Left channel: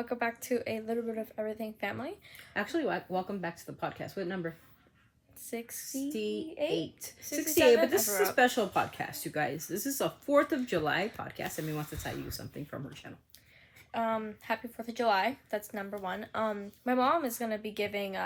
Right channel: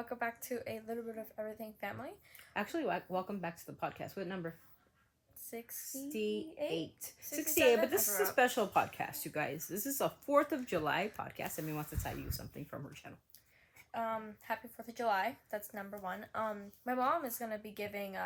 welcome back to a little bit of everything family. Actually, welcome back to the podcast. What number? 68. 68, but this is a special podcast, you guys. This is a 4th of July podcast, and we want to tell you something from her channel. Happy 4th of July. That's number one. My mom is going to be giving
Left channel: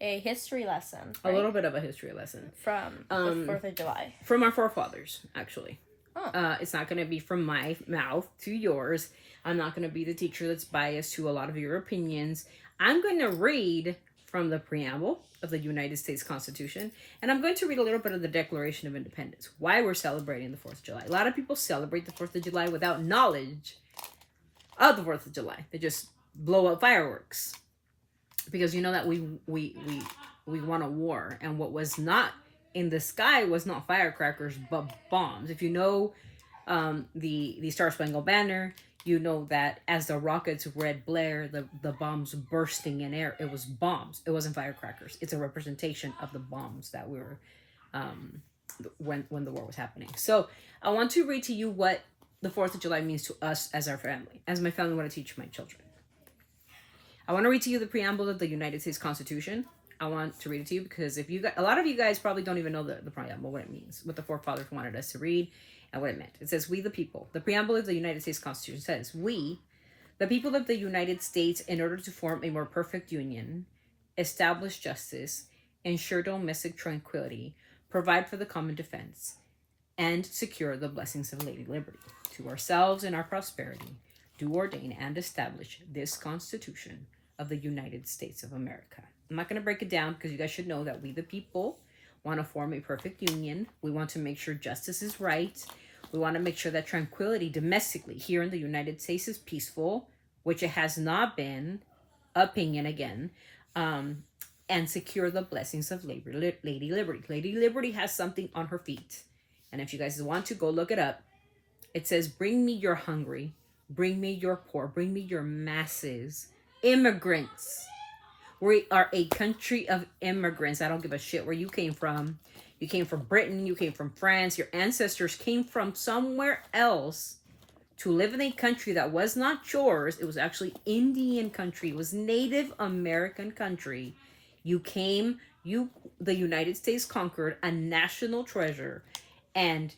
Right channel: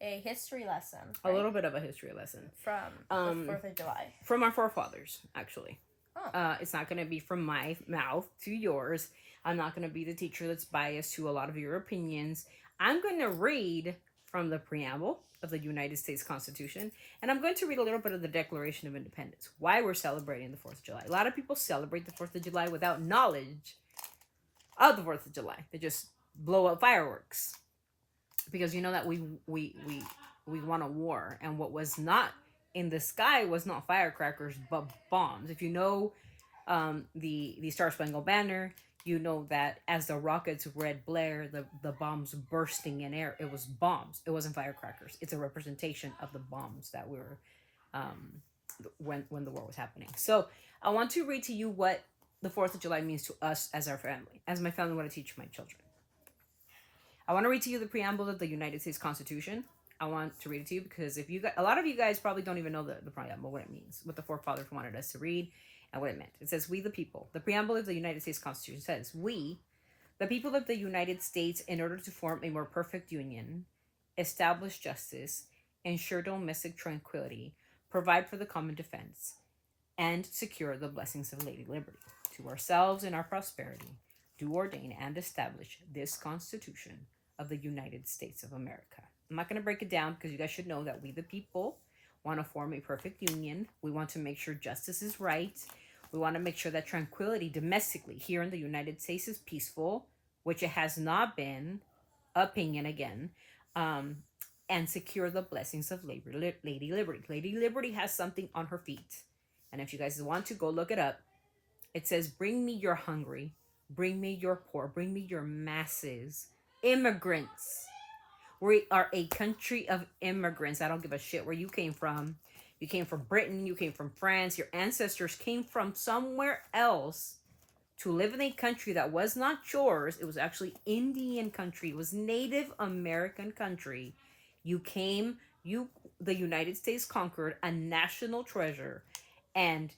a history lesson. Right? A little bit of a history lesson. From the 4th of July. From our forefathers, actually. Oh. It's not going to be from my mouth to yours. I'm not going to be the teacher that's biased to a lot of your opinions. I'm going to read from the preamble of the United States Constitution, and I'm going to read a little bit of the Declaration of Independence, why we're celebrating the 4th of July. A lot of people celebrate the 4th of July without knowledge of the 4th of July. They just blow up fireworks because you know that we won a war, and what was not in the sky was not firecrackers but bombs. If you know the Star Spangled Banner, you know that as the rockets read blare, the bombs bursting in air, it was bombs. It wasn't firecrackers. It's a representation of the bombs that we were when the war was happening. So I want to read to you what the 4th of July means to us as our family, as my family want to teach my children. I want to read to you the preamble of the United States Constitution. I want to read it to you because if you guys, a lot of you guys probably don't even know the preamble, what it means, what the forefathers wanted us to read, and what it meant. It says, we the people. The preamble of the United States Constitution says, we, the people of the United States, in order to form a more perfect union, establish justice, ensure domestic tranquility, provide for the common defense, and secure the blessings of Lady Liberty. To ourselves and our prosperity, do ordain and establish this Constitution of the United States of America. I'm not going to break it down because you guys should know that we the people want to form a perfect union. We want to make sure justice is right. We want to make sure that tranquility domestically here in the United States is peaceful, which it has not been, opinion again, and secure the blessings of Lady Liberty. Lady Liberty has something on her feet. And if you guys want to, go look it up. It says, bring me your hungry, bring me your poor, bring me your masses, immigrants. We are a country of immigrants. I don't give a shit where you came from. You came from Britain. You came from France. Your ancestors came from somewhere else to live in a country that was not yours. It was actually Indian country. It was Native American country. You came, the United States conquered a national treasure and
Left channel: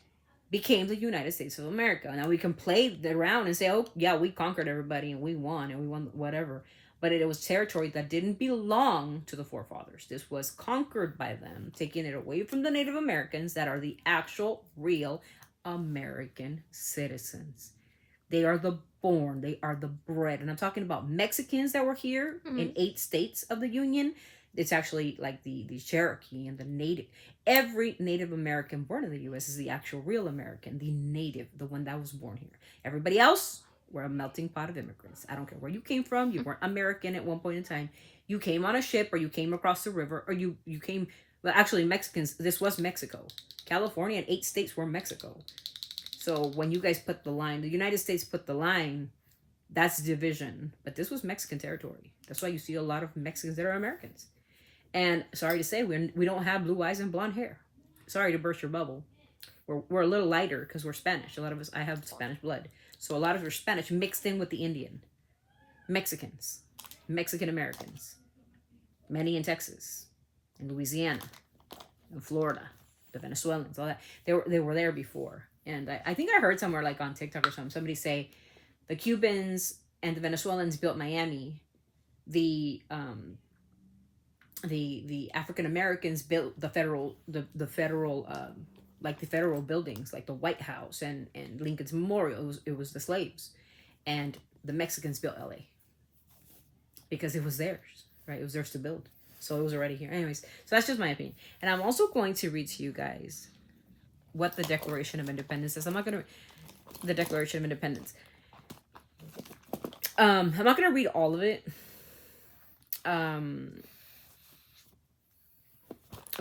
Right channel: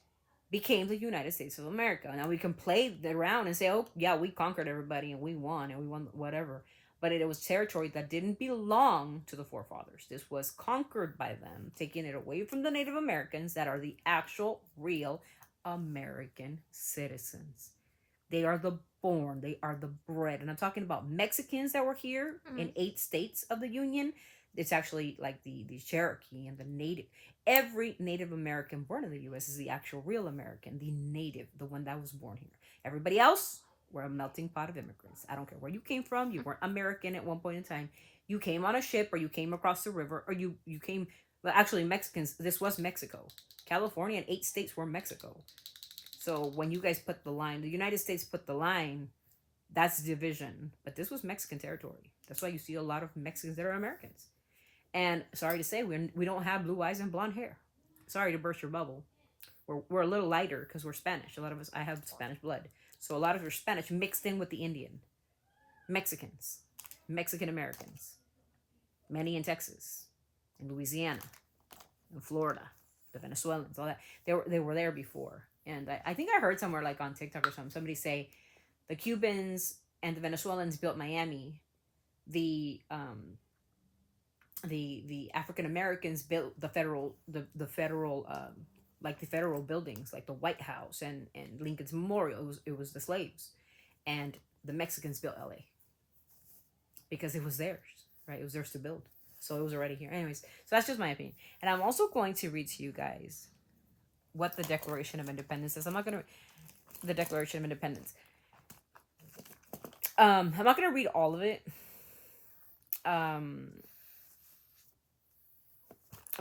became the United States of America. Now we can play around and say, oh, yeah, we conquered everybody and we won whatever. But it was territory that didn't belong to the forefathers. This was conquered by them, taking it away from the Native Americans that are the actual, real American citizens. They are the born, they are the bred. And I'm talking about Mexicans that were here in 8 states of the Union. It's actually like the Cherokee and the Native. Every Native American born in the U.S. is the actual real American, the native, the one that was born here. Everybody else, we're a melting pot of immigrants. I don't care where you came from. You weren't American at one point in time. You came on a ship or you came across the river or you came, well, actually Mexicans, this was Mexico. California and 8 states were Mexico. So when you guys put the line, the United States put the line, that's division. But this was Mexican territory. That's why you see a lot of Mexicans that are Americans. And sorry to say, we don't have blue eyes and blonde hair. Sorry to burst your bubble. We're a little lighter because we're Spanish. A lot of us, I have Spanish blood. So a lot of us are Spanish mixed in with the Indian. Mexicans. Mexican Americans. Many in Texas. In Louisiana. In Florida. The Venezuelans. All that. They were there before. And I think I heard somewhere like on TikTok or something. Somebody say the Cubans and the Venezuelans built Miami. The African Americans built the federal buildings, like the White House and Lincoln's Memorial. It was the slaves, and the Mexicans built LA because it was theirs, right? It was theirs to build, so it was already here. Anyways, so that's just my opinion, and I'm also going to read to you guys what the Declaration of Independence is. I'm not gonna the Declaration of Independence. I'm not gonna read all of it.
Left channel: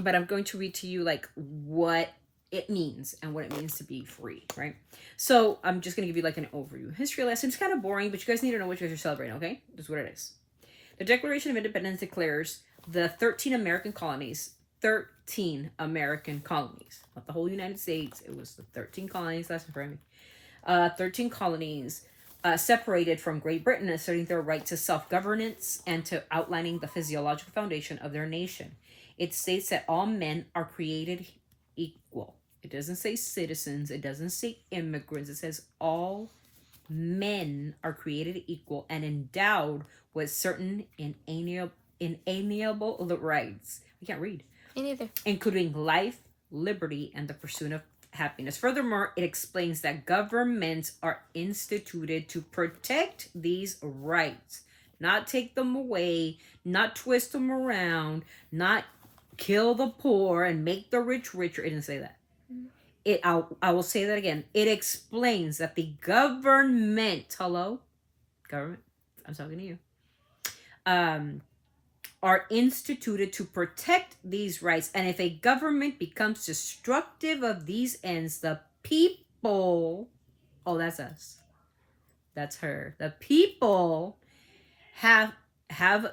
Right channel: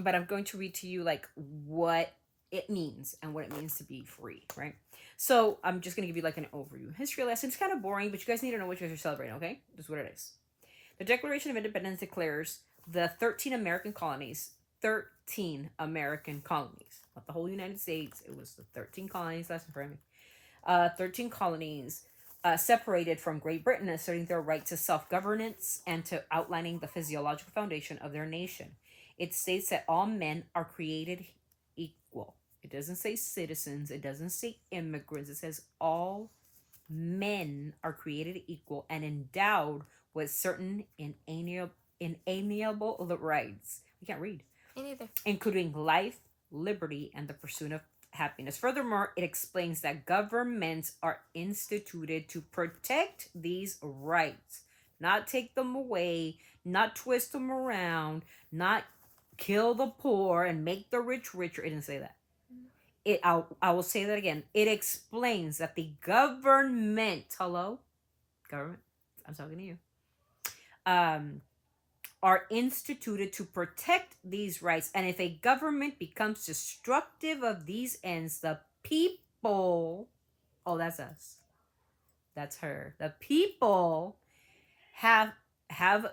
But I'm going to read to you like what it means and what it means to be free, right? So I'm just going to give you like an overview. History lesson. It's kind of boring, but you guys need to know what you guys are celebrating, okay? That's what it is. The Declaration of Independence declares the 13 American colonies. 13 American colonies. Not the whole United States. It was the 13 colonies. That's in front of me. 13 colonies separated from Great Britain, asserting their right to self-governance and to outlining the physiological foundation of their nation. It states that all men are created equal. It doesn't say citizens. It doesn't say immigrants. It says all men are created equal and endowed with certain inalienable rights. I can't read. Me neither. Including life, liberty, and the pursuit of happiness. Furthermore, it explains that governments are instituted to protect these rights, not take them away, not twist them around, not kill the poor and make the rich richer. It didn't say that. I will say that again. It explains that the government, hello, government, I'm talking to you, are instituted to protect these rights. And if a government becomes destructive of these ends, the people, oh, that's us, that's her, the people have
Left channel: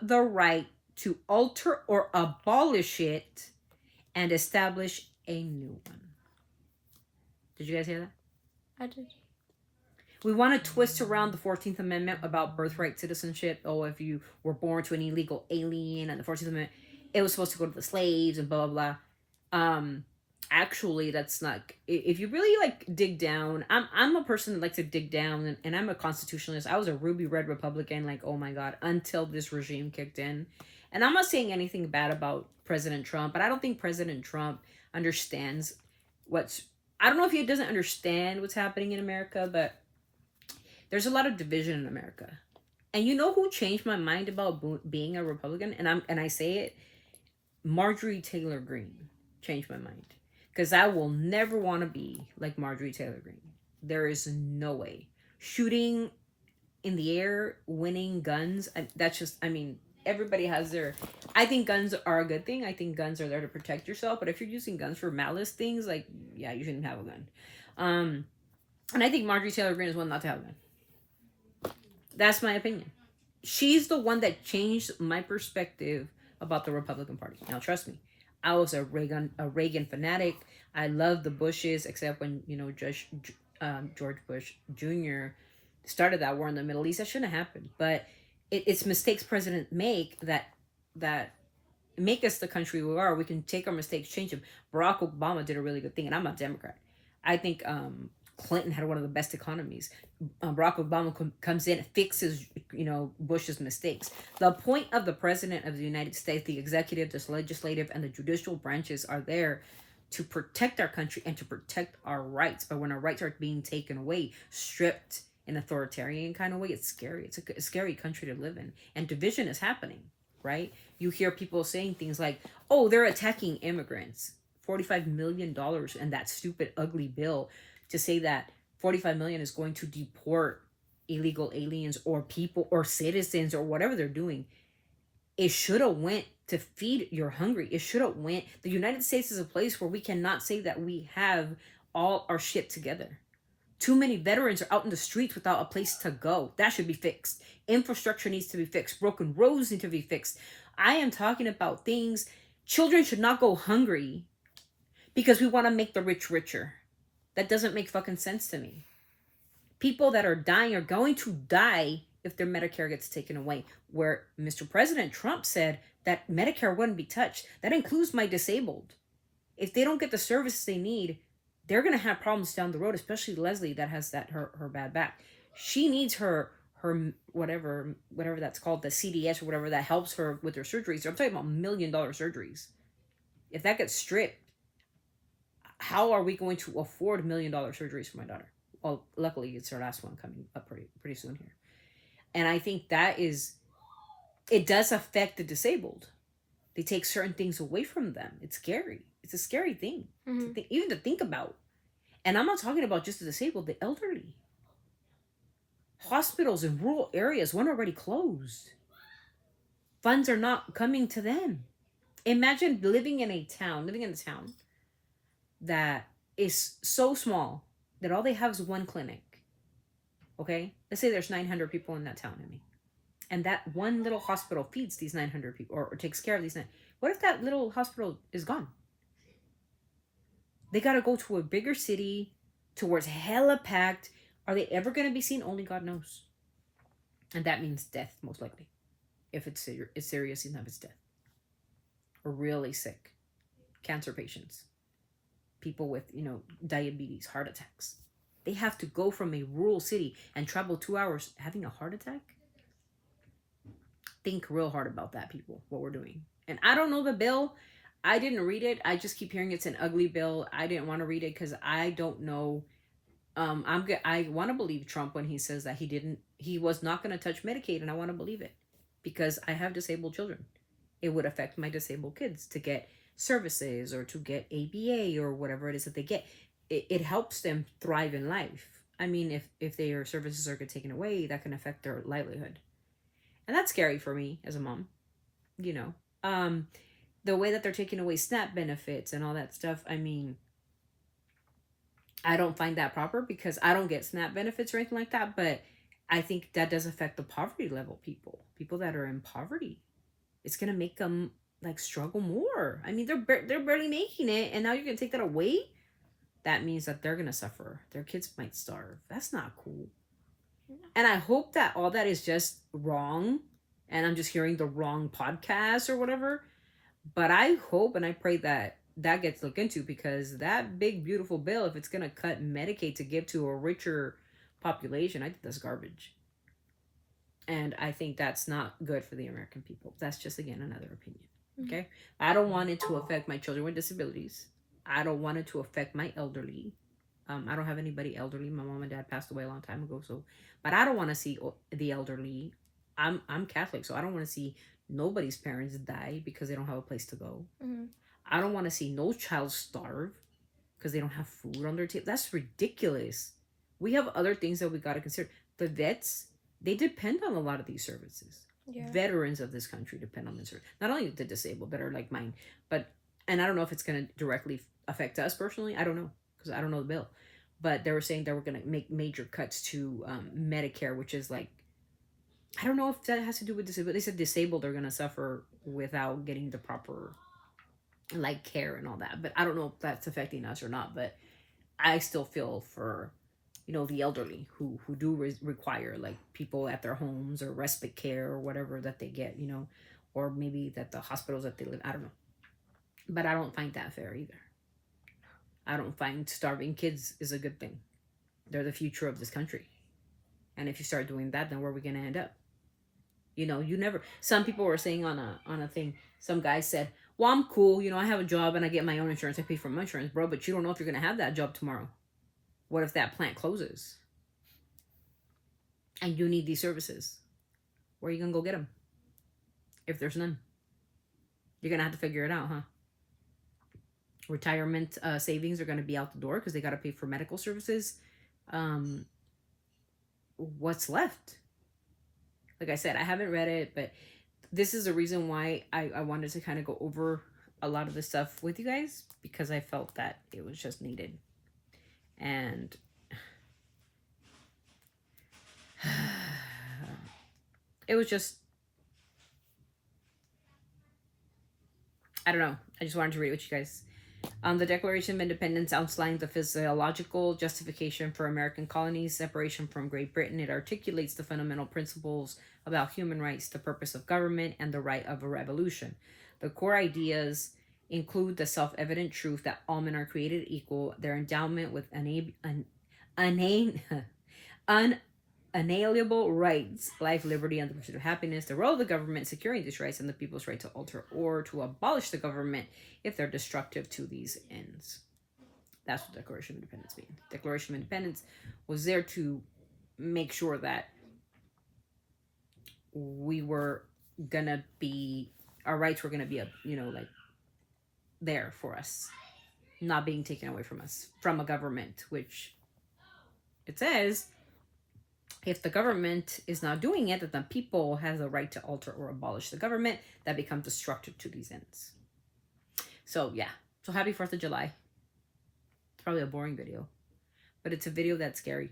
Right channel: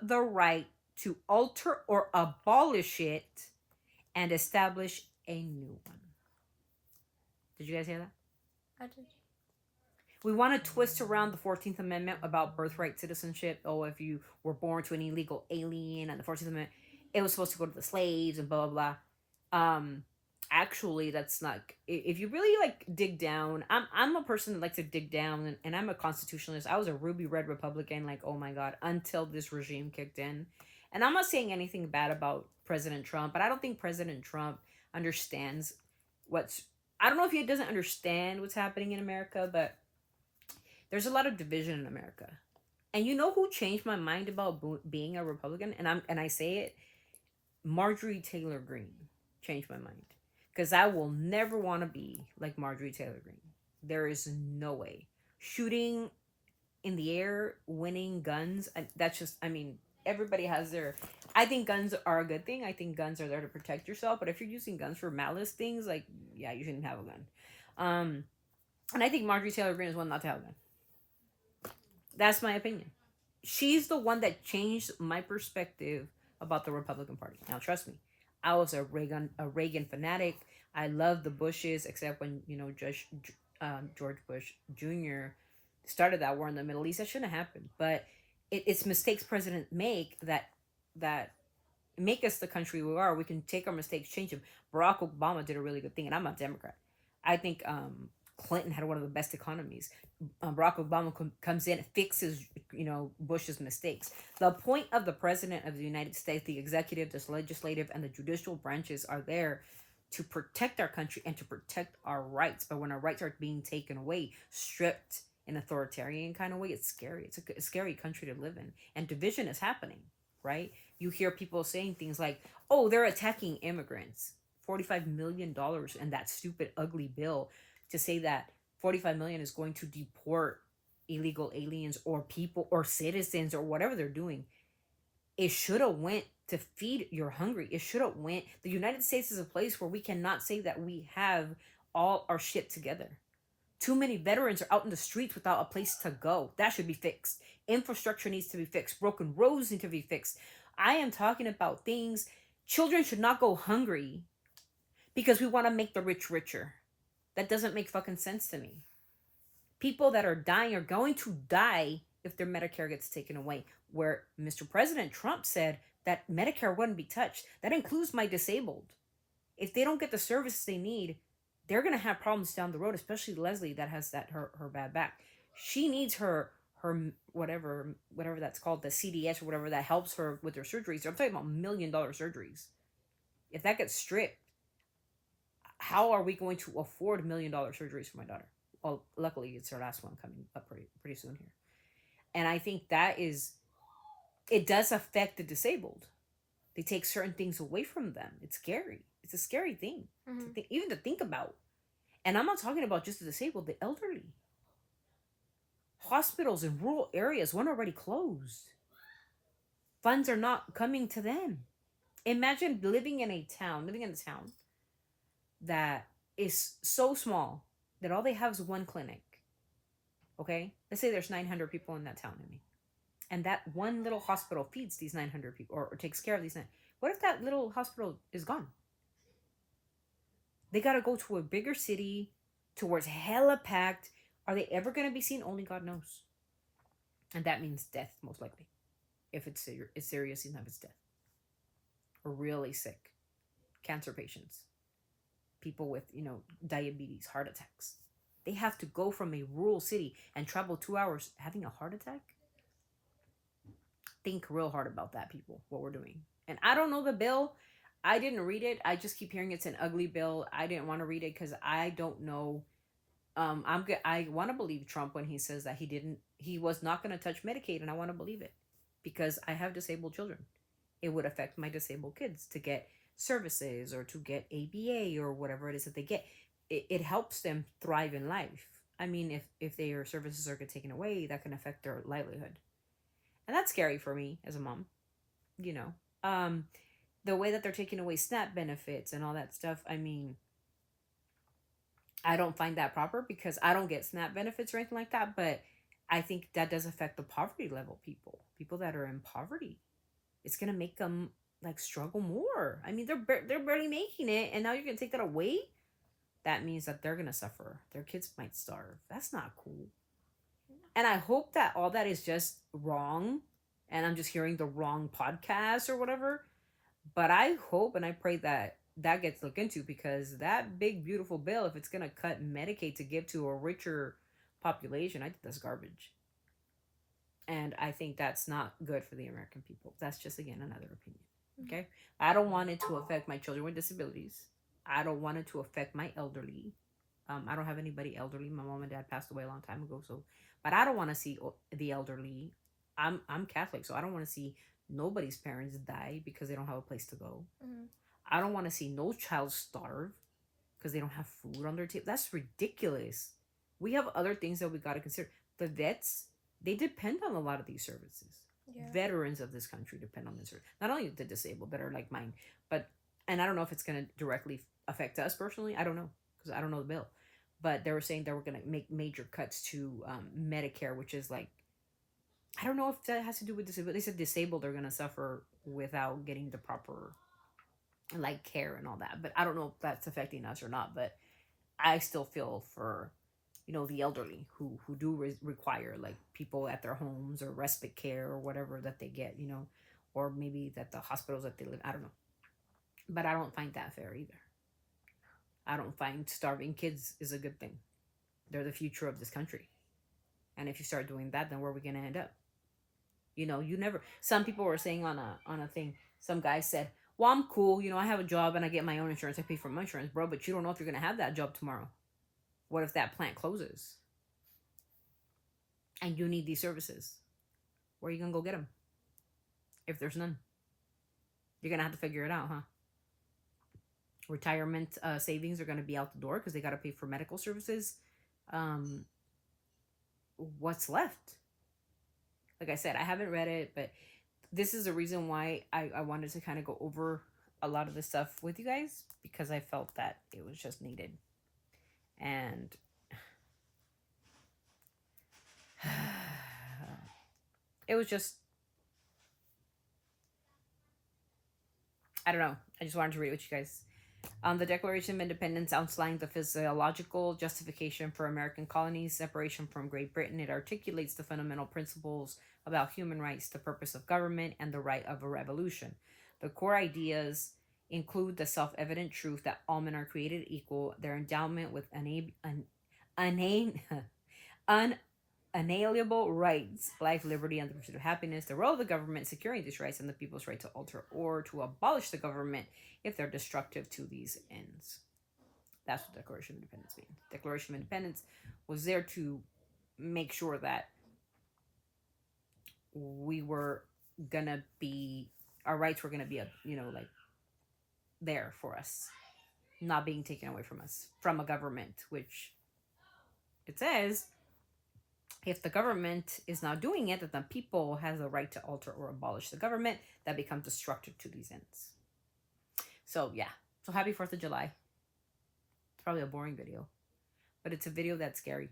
the right to alter or abolish it and establish a new one. Did you guys hear that? I did. We want to twist around the 14th Amendment about birthright citizenship. Oh, if you were born to an illegal alien, and the 14th Amendment, it was supposed to go to the slaves and blah, blah, blah. Actually, that's not, if you really like dig down, I'm a person that likes to dig down, and I'm a constitutionalist. I was a ruby red Republican, like, oh my God, until this regime kicked in. And I'm not saying anything bad about President Trump, but I don't think President Trump understands I don't know if he doesn't understand what's happening in America, but there's a lot of division in America. And you know who changed my mind about being a Republican? And I say it, Marjorie Taylor Greene changed my mind. Because I will never want to be like Marjorie Taylor Greene. There is no way. Shooting in the air, winning guns, that's just, I mean, everybody has their, I think guns are a good thing. I think guns are there to protect yourself. But if you're using guns for malice things, like, yeah, you shouldn't have a gun. And I think Marjorie Taylor Greene is one not to have a gun. That's my opinion. She's the one that changed my perspective about the Republican Party. Now, trust me, I was a Reagan fanatic. I loved the Bushes, except when, you know, George Bush Jr. started that war in the Middle East. That shouldn't have happened. But it's mistakes presidents make that make us the country we are. We can take our mistakes, change them. Barack Obama did a really good thing, and I'm a Democrat. I think Clinton had one of the best economies. Barack Obama comes in, fixes, you know, Bush's mistakes. The point of the president of the United States, the executive, the legislative, and the judicial branches are there to protect our country and to protect our rights. But when our rights are being taken away, stripped in authoritarian kind of way, it's scary. It's a scary country to live in. And division is happening, right? You hear people saying things like, oh, they're attacking immigrants. $45 million and that stupid, ugly bill to say that 45 million is going to deport illegal aliens or people or citizens or whatever they're doing. It should have went to feed your hungry. It should have went. The United States is a place where we cannot say that we have all our shit together. Too many veterans are out in the streets without a place to go. That should be fixed. Infrastructure needs to be fixed. Broken roads need to be fixed. I am talking about things. Children should not go hungry because we want to make the rich richer. That doesn't make fucking sense to me. People that are dying are going to die if their Medicare gets taken away. Where Mr. President Trump said that Medicare wouldn't be touched. That includes my disabled. If they don't get the services they need, they're going to have problems down the road, especially Leslie that has her bad back. She needs her whatever that's called, the CDS or whatever that helps her with her surgeries. I'm talking about $1 million surgeries. If that gets stripped, how are we going to afford $1 million surgeries for my daughter? Well, luckily it's her last one coming up pretty soon here. And I think it does affect the disabled. They take certain things away from them. It's scary. It's a scary thing, even to think about. And I'm not talking about just the disabled, the elderly. Hospitals in rural areas weren't already closed. Funds are not coming to them. Imagine living in a town that is so small that all they have is one clinic. Okay? Let's say there's 900 people in that town, and that one little hospital feeds these 900 people or takes care of these 900. What if that little hospital is gone? They got to go to a bigger city to where it's hella packed. Are they ever going to be seen? Only God knows. And that means death, most likely. If it's serious enough, it's death. Or really sick. Cancer patients. People with, diabetes, heart attacks. They have to go from a rural city and travel 2 hours having a heart attack? Think real hard about that, people, what we're doing. And I don't know the bill. I didn't read it. I just keep hearing it's an ugly bill. I didn't want to read it because I don't know. I want to believe Trump when he says that he was not going to touch Medicaid, and I want to believe it because I have disabled children. It would affect my disabled kids to get services or to get ABA or whatever it is that they get. It helps them thrive in life. I mean, if their services are taken away, that can affect their livelihood. And that's scary for me as a mom, the way that they're taking away SNAP benefits and all that stuff. I mean, I don't find that proper because I don't get SNAP benefits or anything like that. But I think that does affect the poverty level people that are in poverty. It's going to make them struggle more. I mean, they're barely making it. And now you're going to take that away. That means that they're going to suffer. Their kids might starve. That's not cool. And I hope that all that is just wrong. And I'm just hearing the wrong podcast or whatever. But I hope and I pray that gets looked into, because that big, beautiful bill, if it's going to cut Medicaid to give to a richer population, I think that's garbage. And I think that's not good for the American people. That's just, again, another opinion. Okay? I don't want it to affect my children with disabilities. I don't want it to affect my elderly. I don't have anybody elderly. My mom and dad passed away a long time ago. But I don't want to see the elderly. I'm Catholic, so I don't want to see nobody's parents die because they don't have a place to go. Mm-hmm. I don't want to see no child starve because they don't have food on their table. That's ridiculous. We have other things that we got to consider. The vets, they depend on a lot of these services. Yeah. Veterans of this country depend on this. Not only the disabled that are like mine, and I don't know if it's going to directly affect us personally. I don't know because I don't know the bill. But they were saying they were going to make major cuts to Medicare, which is I don't know if that has to do with disability. They said disabled are going to suffer without getting the proper care and all that. But I don't know if that's affecting us or not. But I still feel for, the elderly who do require people at their homes or respite care or whatever that they get, or maybe that the hospitals that they live. I don't know. But I don't find that fair either. I don't find starving kids is a good thing. They're the future of this country. And if you start doing that, then where are we going to end up? Some people were saying on a thing, some guy said, well, I'm cool. I have a job and I get my own insurance. I pay for my insurance, bro. But you don't know if you're going to have that job tomorrow. What if that plant closes? And you need these services. Where are you going to go get them? If there's none. You're going to have to figure it out, huh? Retirement savings are going to be out the door because they got to pay for medical services. What's left? Like I said, I haven't read it, but this is the reason why I wanted to kind of go over a lot of this stuff with you guys, because I felt that it was just needed. And it was just, I don't know. I just wanted to read it with you guys. The Declaration of Independence outlines the physiological justification for American colonies' separation from Great Britain. It articulates the fundamental principles about human rights, the purpose of government, and the right of a revolution. The core ideas include the self-evident truth that all men are created equal, their endowment with unalienable rights, life, liberty, and the pursuit of happiness, the role of the government securing these rights, and the people's right to alter or to abolish the government if they're destructive to these ends. That's what the Declaration of Independence means. Declaration of Independence was there to make sure that we were gonna be, our rights were gonna be there for us, not being taken away from us, from a government, which it says, if the government is not doing it, that the people has the right to alter or abolish the government that becomes destructive to these ends. So yeah, so happy 4th of July. It's probably a boring video, but it's a video that's scary.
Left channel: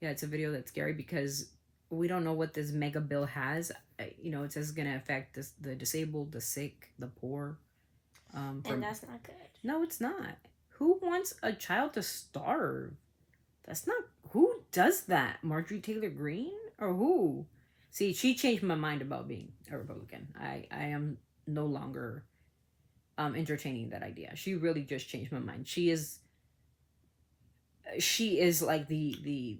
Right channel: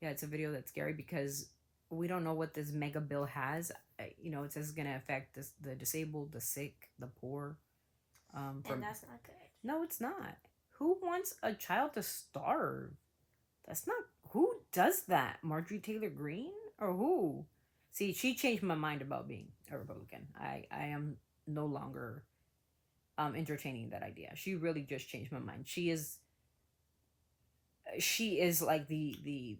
Yeah, it's a video that's scary because we don't know what this mega bill has. It says it's going to affect the disabled, the sick, the poor. And that's not good. No, it's not. Who wants a child to starve? That's not, who does that? Marjorie Taylor Greene or who? See, she changed my mind about being a Republican. I am no longer entertaining that idea. She really just changed my mind. She is like the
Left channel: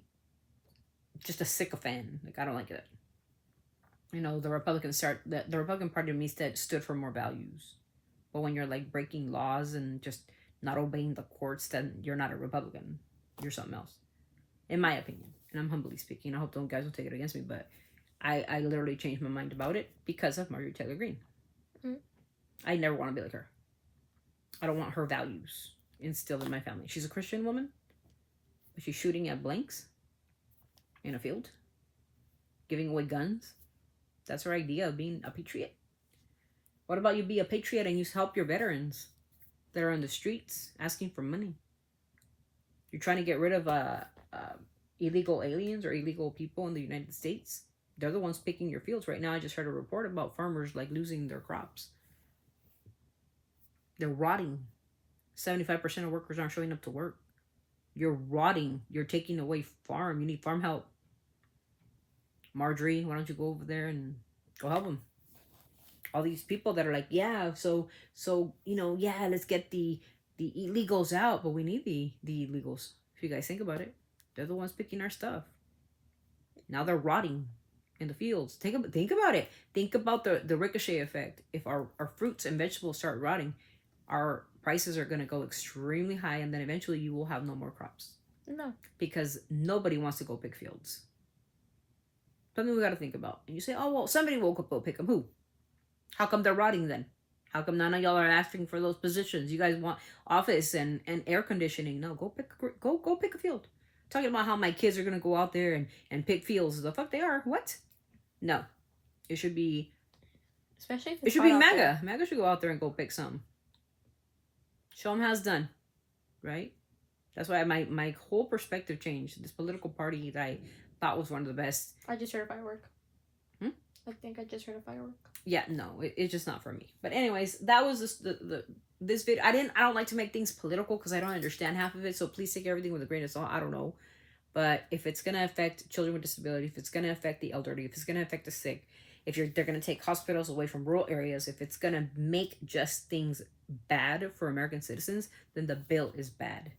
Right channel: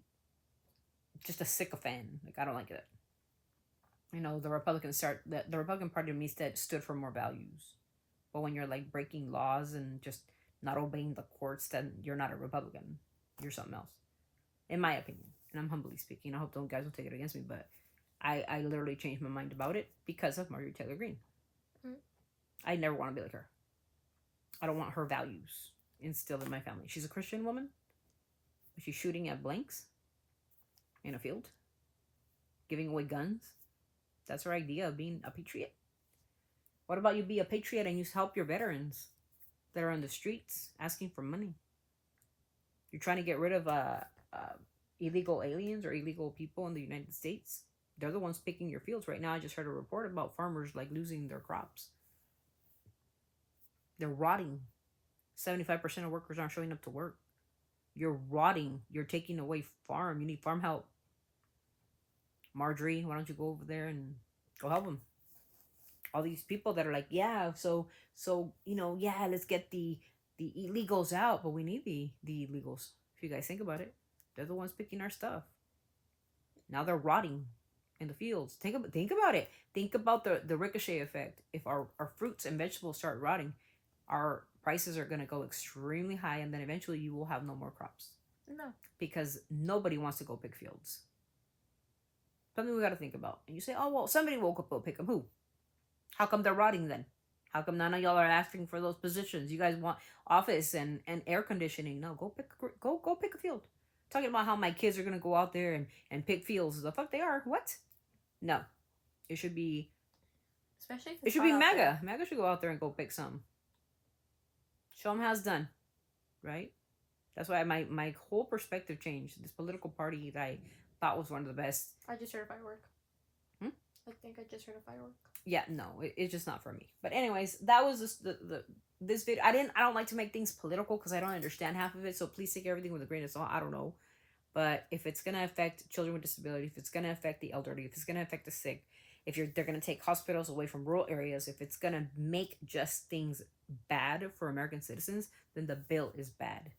just a sycophant. Like, I don't like it. You know, the Republican Party to me stood for more values. But when you're like breaking laws and just not obeying the courts, then you're not a Republican. You're something else, in my opinion. And I'm humbly speaking. I hope you guys will take it against me, but I literally changed my mind about it because of Marjorie Taylor Greene. Mm-hmm. I never want to be like her. I don't want her values instilled in my family. She's a Christian woman, but she's shooting at blanks in a field, giving away guns. That's her idea of being a patriot. What about you be a patriot and you help your veterans that are on the streets asking for money? You're trying to get rid of illegal aliens or illegal people in the United States. They're the ones picking your fields right now. I just heard a report about farmers like losing their crops. They're rotting. 75% of workers aren't showing up to work. You're rotting. You're taking away farm. You need farm help. Marjorie, why don't you go over there and go help them? All these people that are like, yeah, so you know, yeah, let's get the illegals out, but we need the illegals. If you guys think about it, they're the ones picking our stuff. Now they're rotting in the fields. Think about it. Think about the ricochet effect. If our fruits and vegetables start rotting, our prices are going to go extremely high, and then eventually you will have no more crops. No. Because nobody wants to go pick fields. Something we got to think about. And you say, oh, well, somebody will go pick them. Who? How come they're rotting then? How come none of y'all are asking for those positions? You guys want office and air conditioning. No, go pick a field. Talking about how my kids are going to go out there and pick fields. The fuck they are. What? No. It should be... Especially if it should be MAGA. MAGA should go out there and go pick some. Show them how it's done. Right? That's why my whole perspective changed. This political party that I thought was one of the best. I just heard a firework. I think I just heard a firework. Yeah, no, it's just not for me. But anyways, that was this video. I don't like to make things political because I don't understand half of it. So please take everything with a grain of salt. I don't know. But if it's going to affect children with disability, if it's going to affect the elderly, if it's going to affect the sick, if they're going to take hospitals away from rural areas, if it's going to make just things bad for American citizens, then the bill is bad.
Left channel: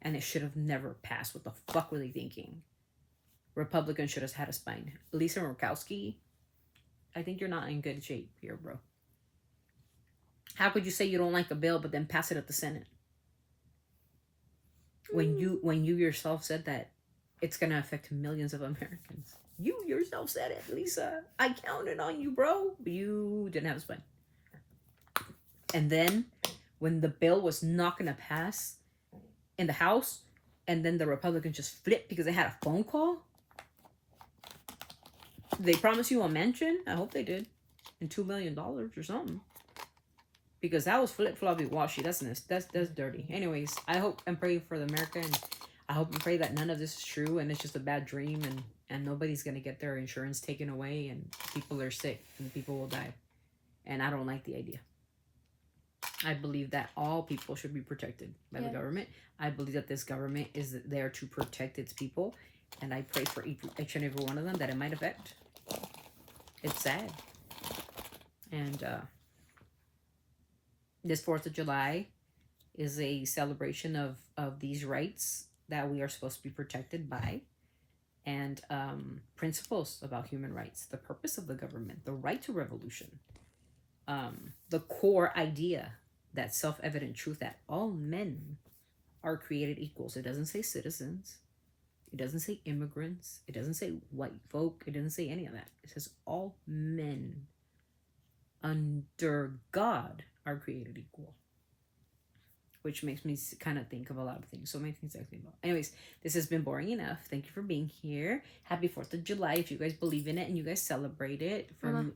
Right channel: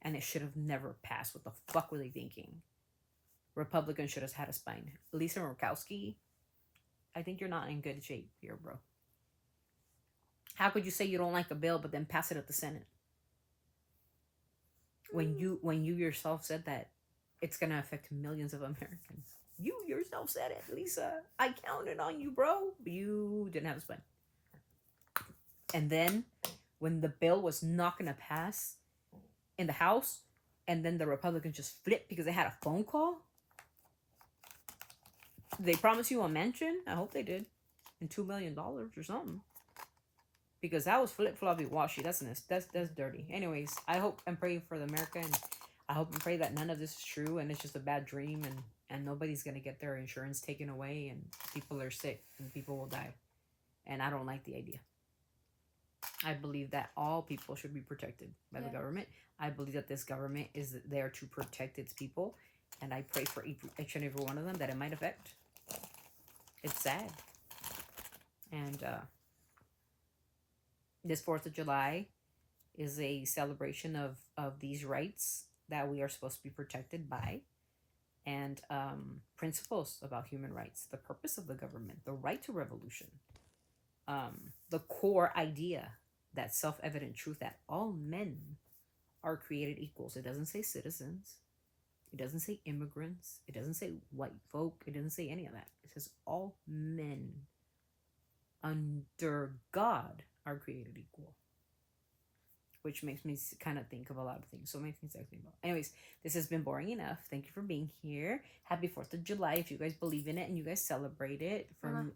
And it should have never passed. What the fuck were they thinking? Republicans should have had a spine. Lisa Murkowski, I think you're not in good shape here, bro. How could you say you don't like a bill but then pass it at the Senate? When you yourself said that it's going to affect millions of Americans. You yourself said it, Lisa. I counted on you, bro. But you didn't have a spine. And then when the bill was not going to pass in the House, and then the Republicans just flipped because they had a phone call. They promised you a mention. I hope they did. And $2 million or something. Because that was flip-floppy washy. That's dirty. Anyways, I hope and pray for the America. And I hope and pray that none of this is true. And it's just a bad dream. And nobody's going to get their insurance taken away. And people are sick. And people will die. And I don't like the idea. I believe that all people should be protected by the government. I believe that this government is there to protect its people. And I pray for each and every one of them that it might affect. It's sad. And this 4th of July is a celebration of these rights that we are supposed to be protected by. And principles about human rights. The purpose of the government. The right to revolution. The core idea, that self-evident truth that all men are created equals. It doesn't say citizens. It doesn't say immigrants. It doesn't say white folk. It doesn't say any of that. It says all men under God are created equal. Which makes me kind of think of a lot of things. So many things I think about. Anyways, this has been boring enough. Thank you for being here. Happy 4th of July. If you guys believe in it and you guys celebrate it.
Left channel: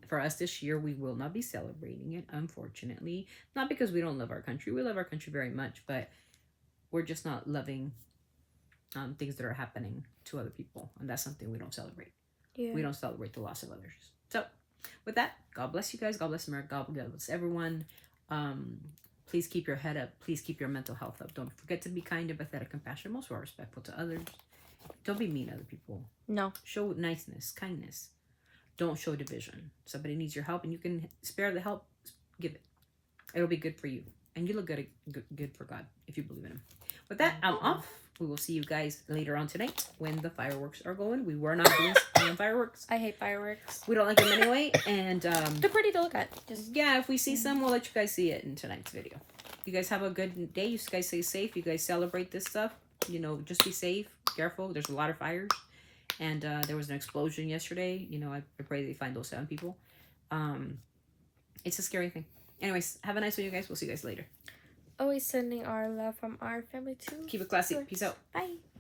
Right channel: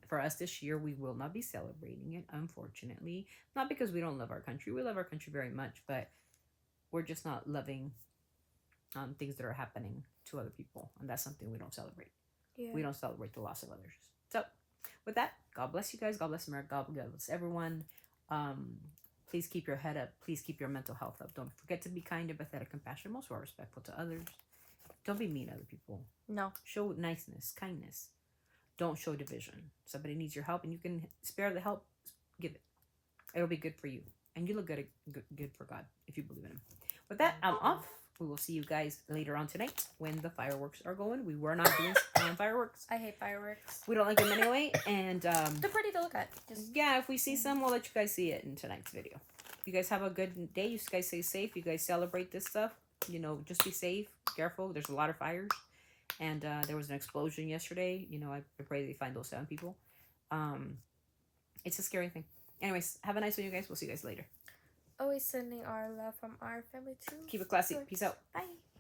For us this year, we will not be celebrating it, unfortunately. Not because we don't love our country. We love our country very much. But we're just not loving things that are happening to other people. And that's something we don't celebrate. Yeah. We don't celebrate the loss of others. So, with that, God bless you guys. God bless America. God bless everyone. Please keep your head up. Please keep your mental health up. Don't forget to be kind, empathetic, compassionate, most of all respectful to others. Don't be mean to other people. No. Show niceness, kindness. Don't show division. Somebody needs your help and you can spare the help, give it. It'll be good for you. And you look good for God if you believe in him. With that, I'm off. We will see you guys later on tonight when the fireworks are going. We were not doing fireworks. I hate fireworks. We don't like them anyway. And they're pretty to look at. Just yeah, if we see some, we'll let you guys see it in tonight's video. You guys have a good day. You guys stay safe. You guys celebrate this stuff. You know, just be safe. Careful. There's a lot of fires. And there was an explosion yesterday. You know, I pray they find those 7 people. It's a scary thing. Anyways, have a nice one, you guys. We'll see you guys later. Always sending our love from our family too. Keep it classy. Peace out. Bye.